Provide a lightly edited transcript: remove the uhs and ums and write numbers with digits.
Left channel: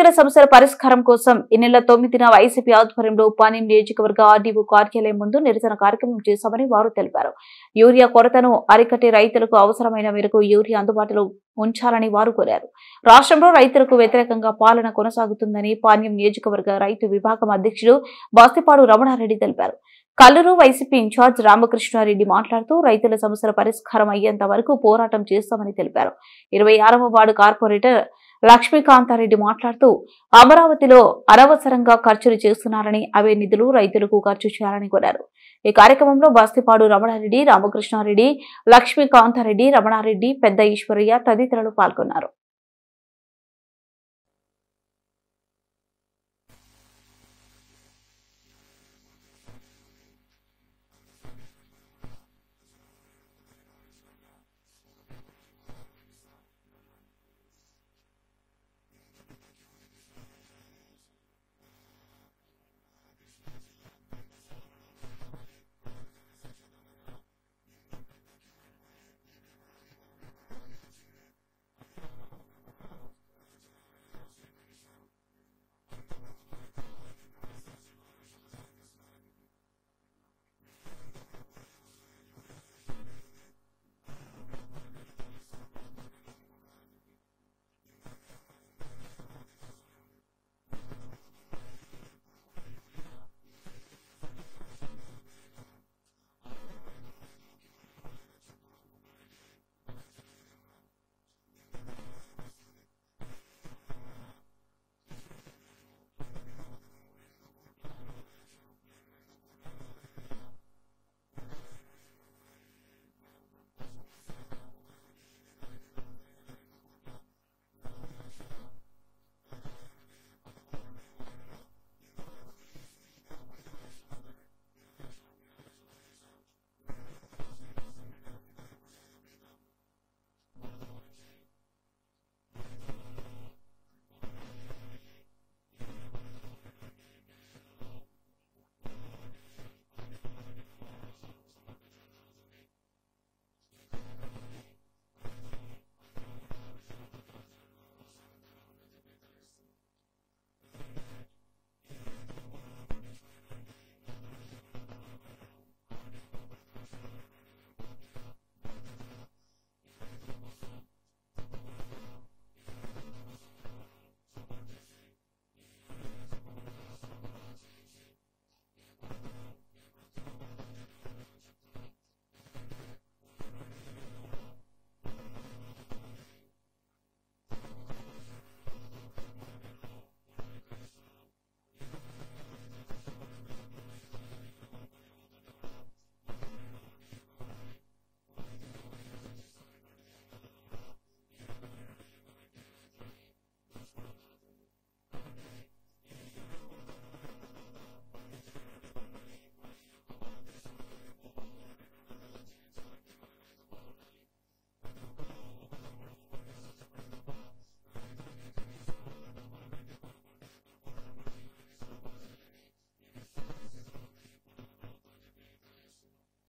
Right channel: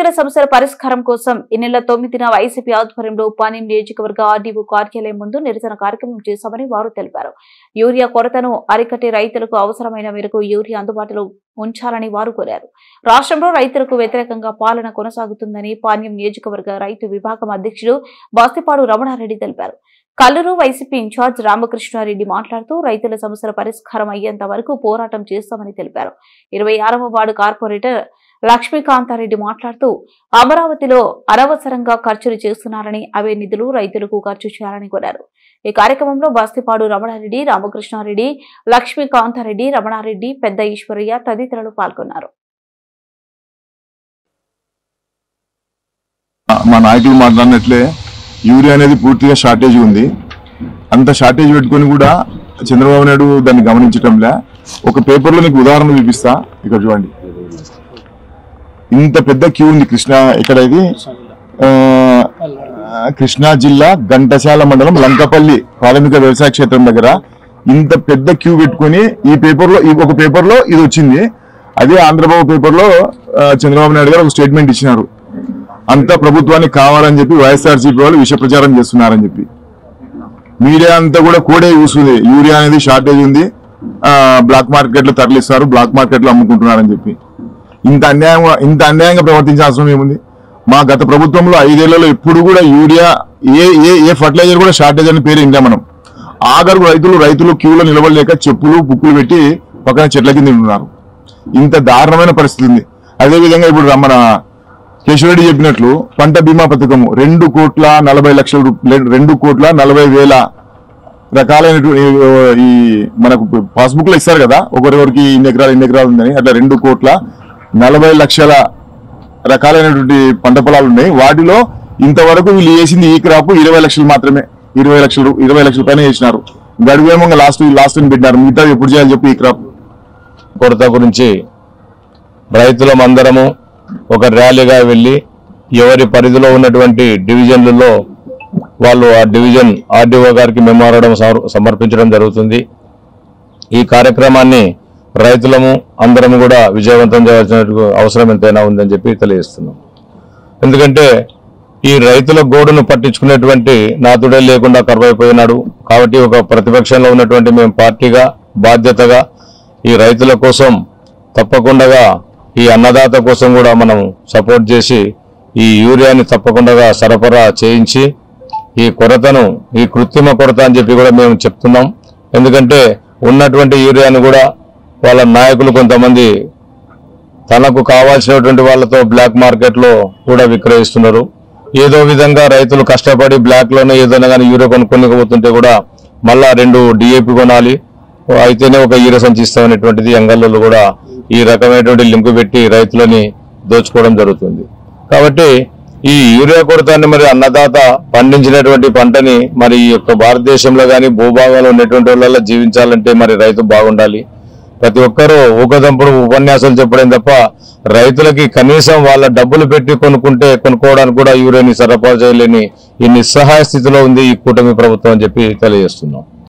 రైతుల సమస్యల పరిష్కారం కోసం ఈ నెల 9న వైసీపీ ఆధ్వర్యంలో పాణ్యం నియోజకవర్గ ఆర్డీఓ కార్యాలయం ముందు నిరసన కార్యక్రమం చేశామని వారు తెలిపారు. యూరియా కొరతను అరికట్టి రైతులకు అవసరమైన మేరకు యూరియా అందుబాటులో ఉంచాలని వారు కోరారు. రాష్ట్రంలో రైతులకు వ్యతిరేకంగా పాలన కొనసాగుతుందని పాణ్యం నియోజకవర్గ రైతు విభాగం అధ్యక్షుడు బాస్తిపాడు రమణారెడ్డి తెలిపారు. కల్లూరు వైసీపీ ఇన్ఛార్జ్ రామకృష్ణారెడ్డి మాట్లాడుతూ రైతుల సమస్యల పరిష్కారం అయ్యేంత వరకు పోరాటం చేస్తామని తెలిపారు. 26వ వార్డు కార్పొరేటర్ లక్ష్మీకాంతారెడ్డి మాట్లాడుతూ అమరావతిలో అనవసరంగా ఖర్చులు చేస్తున్నారని అవే నిధులు రైతులకు ఖర్చు చేయాలని కోరారు. ఈ కార్యక్రమంలో బాస్తిపాడు రమణారెడ్డి, రామకృష్ణారెడ్డి, లక్ష్మీకాంతారెడ్డి, రమణారెడ్డి, పెద్ద ఈశ్వరయ్య తదితరులు పాల్గొన్నారు. మా నాయకులు మాట్లాడినట్లే యూరియా అనేది పూర్తిగా షార్టేజ్ ఉంది. అంత షార్టేజ్ పెట్టుకొని కూడా చంద్రబాబు నాయుడు దాన్ని గమనించటంలే. ఒక పేపర్లో నీకు ఉదాహరణ చూపిస్తా, ఇక్కడ చూడండి. ఇంత పెద్ద క్యూ ఉంది ఇది కృష్ణా జిల్లా ఘంటసాల మండలం లంకపల్లి ప్రాథమిక వ్యవసాయ క్షేత్రం దగ్గర ఇంత పెద్ద క్యూ పెట్టుకుని ఒక పేపర్లో ఇది వచ్చింది. అదే ఆంధ్రబాబు పేపర్లో చంద్రబాబు నాయుడు గారు ఒక స్టేట్మెంట్ ఇచ్చినారు. అంతా ప్రభుత్వానికి కావాలని చెప్పి వైఎస్ఆర్సీపీ వాళ్ళు విష ప్రచారం చేస్తున్నారని చెప్పి మీడియా అంతా కూడా కోడే చూస్తుంది. యూరియా అనేది షార్టేజ్ ఉంది, బ్లాక్ మార్కెట్ లో తరలిస్తారు, బ్లాక్ మార్కెట్ లో అమ్ముకుంటున్నారని చెప్పి ఇంత అన్యాయంగా ప్రవర్తించే అవసరం ఏముంది? మా గత ప్రభుత్వంలో 5 ఏళ్లలో ఎప్పుడు కూడా యూరియా ఏ ఫర్టిలైజర్ కూడా షార్టేజ్ అని పేరు ఇందా మనం. ఆఖరు రైతులు క్యూలో నిలబడలేక చెప్పులు బుక్కులు పెట్టి పక్కన చెట్ల కింద ఉన్నారు. ఇంత దారుణమైన పరిస్థితి ఉంది. అదేవిధంగా ఇప్పుడు మన కేశవరెడ్డి చెప్పినట్లు పంట బీమా పథకము 2,40,00,000 రకాలైనటువంటి ఈ మనకు పాస్బుక్ లో ఇస్తారు కదా, ఒకరికి ఇన్ని ఎకరాలు ఉందని, అట్లా 2,40,00,000 రకాలైనటువంటి పంట పొలాలు ఉన్నాయి. వాటిలో ఇంతవరకు వీళ్ళు చేసింది ఈ క్రాప్ 20 లక్షలు మాత్రమే. 20 లక్షల పైన చేసినారు. గడువేమో లాస్ట్ పెట్టినారు. మిగతా ఎప్పుడు చేయాలి చెప్పి ఈ క్రాప్ కొరత గురించి రైతులమందరము ఒక ర్యాలీగా వెళ్లి ఎవరి పరిధిలో ఉన్నటువంటి డివిజన్లలో వాళ్ళు ఆ డివిజన్ ఆర్డీఓ గారికి మెమోరాండం సమర్పించడం జరుగుతుంది. ఈ కార్యక్రమాన్ని రైతులము అందరం కూడా విజయవంతం చేయాల్సిన అవసరం ఎంతైనా ఉందని చెప్పి తెలియజేస్తున్నాం. ఎందుకంటే ఈ రైతుల గోడును పట్టించుకునేటువంటి నాతుడే లేకుండా కరువైపోయినాడు. కాబట్టి ఒక ప్రతిపక్షంలో ఉన్నటువంటి మేము పార్టీగా బాధ్యతగా ఈ రైతుల కోసం తప్పకుండా ఈ అన్నదాత కోసం కూడా మనం సపోర్ట్ చేసి ఈ యూరియాని తప్పకుండా సరఫరా చేయించి ఈ కొరతను ఈ కృత్రిమ కొరత అని చెప్పి కూడా మేము చెప్తున్నాం. ఎందుకంటే ఉన్నటువంటి యూరియాను కూడా వాళ్ళ నాయకులు కొంతమంది తనకు కావాల్సినటువంటి వాళ్ళతో బ్లాక్ మార్కెట్లో కూడా విక్రయిస్తున్నారు. ఏదో విధంగా రైతులు కష్టపడి బ్లాక్లోనే ఏదైనా కానీ యూరియా కొనుక్కోకపోతుంటే కూడా మళ్ళా 2 DAP కొనాలి, అయితేనే ఒక యూరియా సంచి ఇస్తామనేటువంటిది అంగళ్ళలో కూడా ఈ రకమైనటువంటి లింకు పెట్టి రైతులని దోచుకోవడం జరుగుతుంది. కాబట్టి ఈ యూరియా కొరతాన్ని మరి అన్నదాత పండించినటువంటి పంటని మరి ఈ యొక్క భారతదేశంలో కానీ భూభాగంలో ఉన్నటువంటి వాళ్ళ జీవించాలంటే మరి రైతు బాగుండాలి. ప్రతి ఒక్కరూ ఊకదంపుడు ఉపన్యాసాలు చెప్పడం తప్ప రైతులకి కనీసం వాళ్ళ డబ్బులు పెట్టి కొనుక్కోవడానికి కూడా యూరియాని సరఫరా చేయలేని ఈ నిస్సహాయ స్థితిలో ఉంది ఈ కూటమి ప్రభుత్వం అని చెప్పి తెలియజేస్తున్నాం.